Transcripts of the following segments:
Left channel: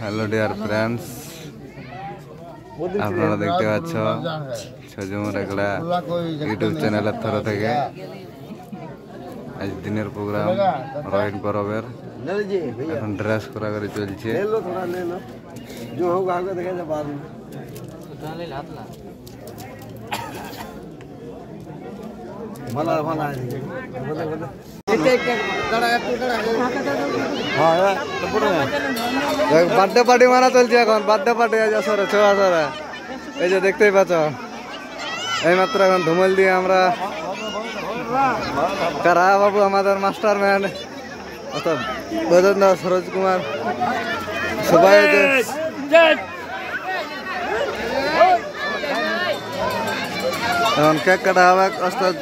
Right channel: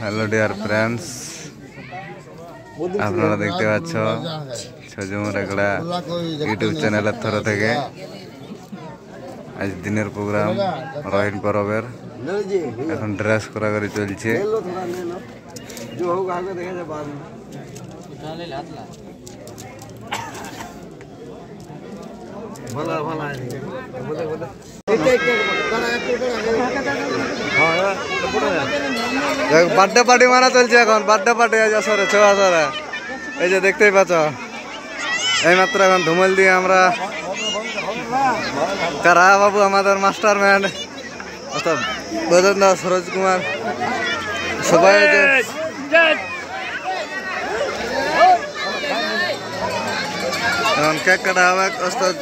Hello dear friends, আপনারা দেখতে পাচ্ছ ছজুমুর একলা ইউটিউব চ্যানেলের তরফ থেকে আজ দিনের প্রোগ্রাম রহিন পরবের এখন ড্রেস করা করে চলছে। বার্থডে পার্টি মানা চলছে এখন, বার্থডে পার্টি আজ আসরে ছ আসরে। এই যে দেখতেই পাচ্ছ এইমাত্র এখন ধুমল দিয়ে আমরা কারা বাবু আমাদের মাস্টার ম্যান অর্থাৎ বৈদ্যনাথ দাস, সরোজ কুমার সবাই যে এখন কেক কাটা হবে। অর্থাৎ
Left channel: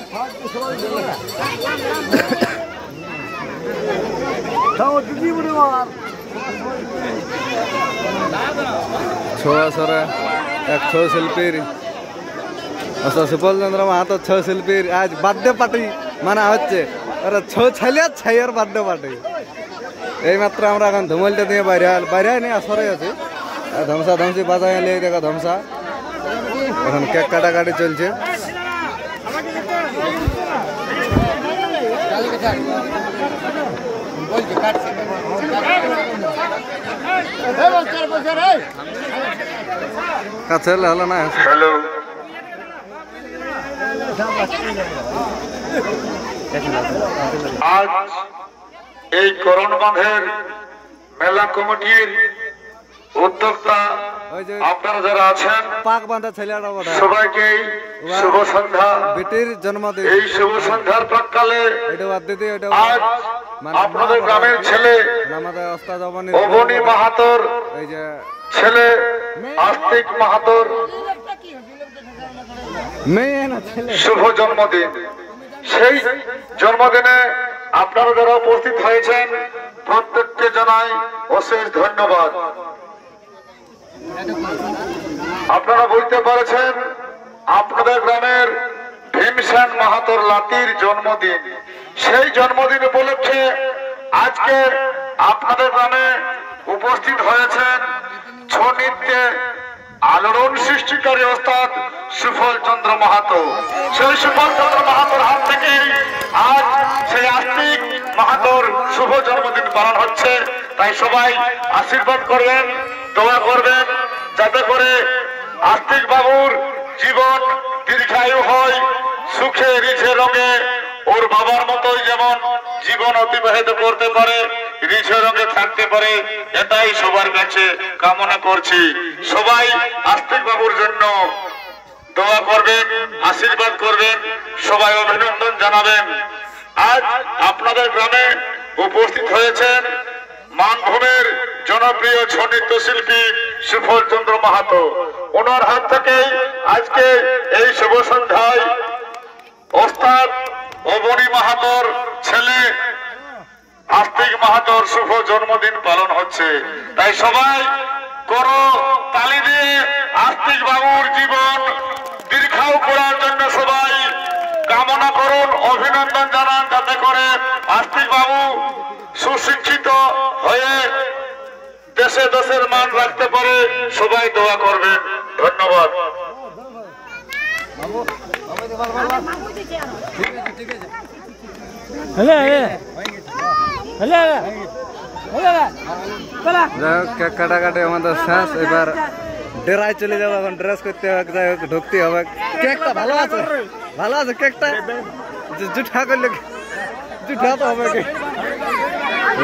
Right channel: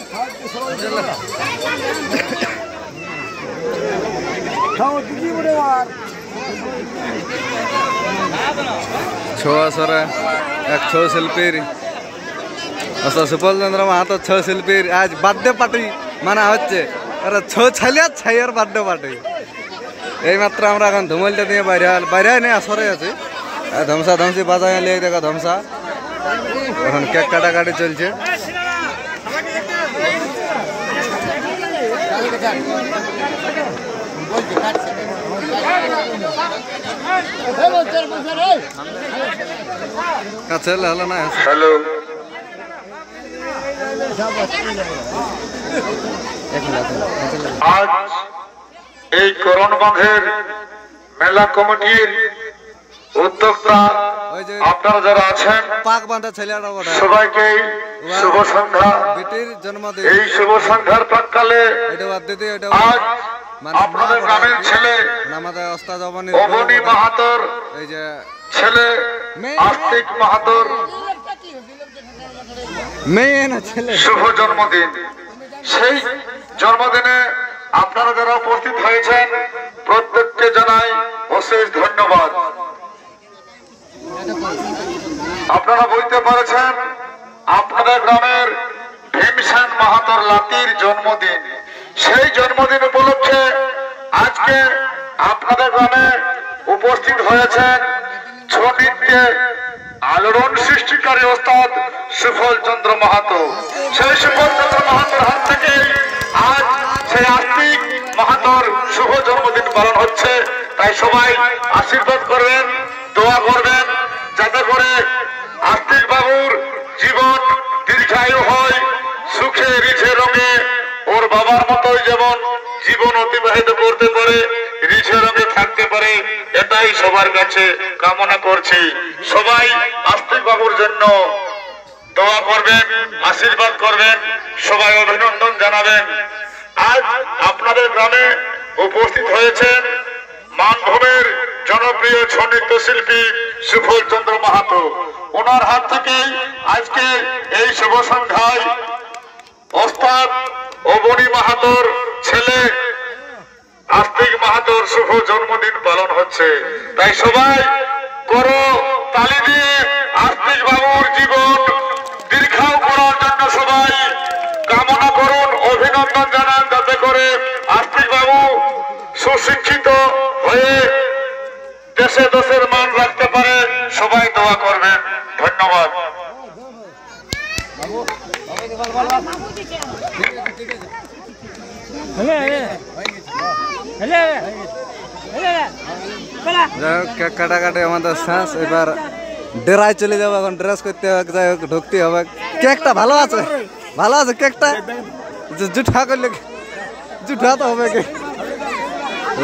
छो असरे एक छो शिल्पीर असा सुपल चंद्र माहातो छो शिल्पीर आज बर्थडे पार्टी माना হচ্ছে। अरे छो छलिया छाइयर बर्थडे पार्टी এই মাত্র আমরা এখন ধুমলটা দিয়ে বাইরে নেই আসরে আছি। ধমসা ধমসি বাজায় লেগে দেখো ধমসা। এখন কেক কাটাকাটি চলছে। কাছে হলো না। হ্যালো, আজ এই করণবাঁধের মেলা কমিটির উদ্যোক্তা আপনারা যারা আছেন পাক বাঁধা ছেলেটা সবাইকে শুভ সন্ধ্যা। বেটির জন্মদিন, এই শুভ সন্ধ্যার প্রাক্কালে আজ আপনাদের গ্রামের ছেলে আমাদের ওস্তাদ অবনী মাহাতোর এই যে ছেলে আস্তিক মাহাতোর মেয়ে না ছেলে শুভ জন্মদিন। সেই জন্মদিনে আপনারা যারা উপস্থিত হয়েছেন প্রত্যেককে জানাই অশেষ ধন্যবাদ। আপনারা বুঝতে পারছেন আপনাদের গ্রামের ভীমসেন মাহাতোর লাতির জন্মদিন। সেই জন্মদিন উপলক্ষে আজকে আপনাদের গ্রামে উপস্থিত হয়েছেন ছৌ নৃত্যে আলোড়ন সৃষ্টিকারী ওস্তাদ সুফল চন্দ্র মাহাতো। সেই সুফল চন্দ্র মাহাতোর হাত থেকে আজ সেই আস্তিক মাহাতোর শুভ জন্মদিন পালন হচ্ছে। তাই সবাই আশীর্বাদ করবেন, দোয়া করবেন যাতে করে আস্তিক বাবুর জীবন দীর্ঘায়ু হয়, সুখে রিঝে রঙে ওর বাবার মতোই যেমন জীবন অতিবাহিত করতে পারে, রিঝে রঙে থাকতে পারে, এটাই সবার কাছে কামনা করছি। সবাই আস্তিক বাবুর জন্য দোয়া করবেন, আশীর্বাদ করবেন, সবাই অভিনন্দন জানাবেন। আজ আপনাদের গ্রামে উপস্থিত হয়েছেন মানভূমের জনপ্রিয় ছৌ নৃত্য শিল্পী সুফল চন্দ্র মাহাতো। ওনার হাত থেকেই আজকে এই শুভ সন্ধ্যায় ওস্তাদ অবনী মাহাতোর ছেলে আস্তিক মাহাতোর শুভ জন্মদিন পালন হচ্ছে। তাই সবাই করো তালি দিয়ে আস্তিক বাবুর জীবন দীর্ঘায়ু করার জন্য সবাই কামনা করুন, অভিনন্দন জানান, যাতে করে আস্তিক বাবু সুশিক্ষিত হয়ে দেশে দেশের মান রাখতে পারে। সবাই দোয়া করবেন। ধন্যবাদ। যাই হোক কেক কাটাকাটি আমাদের শেষ। এবার ডেরায় চলে যাবো, এখন ড্রেস করতে হবে, যাই হোক ঢুকতে হবে। কেকটা ভালো আছে, ভালো আছে কেকটা, জুঠা করলে জুঠা তো হবে।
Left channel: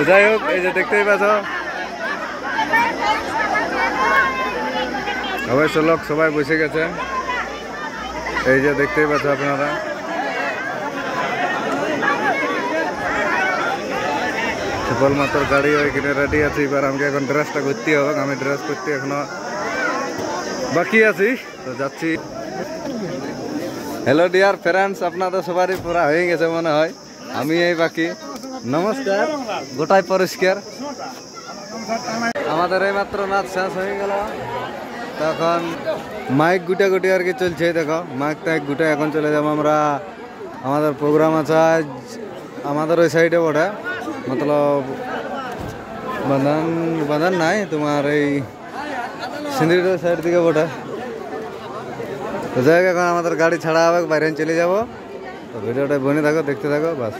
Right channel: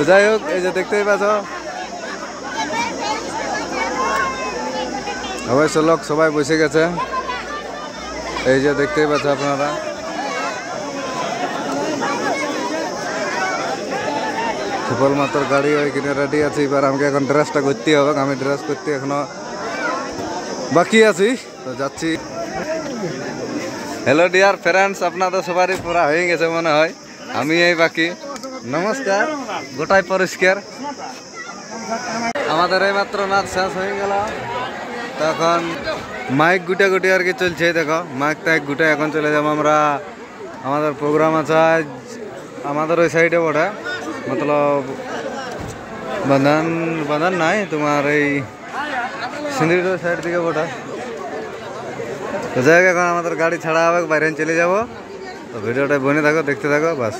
যাই হোক এই যে দেখতেই পাচ্ছ অবশ্য লোক সবাই বসে গেছে। এই যে দেখতেই পাচ্ছ আপনারা সুফল মাত্র গাড়ি ওইখানে রেডি আছে। এবার আমাকে এখন ড্রেসটা করতে হবে, আমি ড্রেস করতে এখনো বাকি আছি, তো যাচ্ছি। হ্যালো ডিয়ার ফ্রেন্ডস, আপনাদের সবারই পুরা হয়ে গেছে মনে হয়, আমি এই বাকি। নমস্কার, গোটাই পরিষ্কার। আমাদের এই মাত্র নাচ শেষ হয়ে গেল, তখন মাইক গুটাগুটি আর কি চলছে। দেখো মাইক টাইক গুটে এখন চলে যাবো আমরা। আমাদের প্রোগ্রাম আছে আমাদের ওই সাইডে বটে, মতলব বাঁধান বাঁধান নাই তোমার এই সিন্দির সাইড দিকে ওটা তো জায়গা এখন আমাদের গাড়ি ছাড়া হবে বাইরে চলে যাব তো ভিডিওটা বনে থাকো দেখতে থাকো বাস।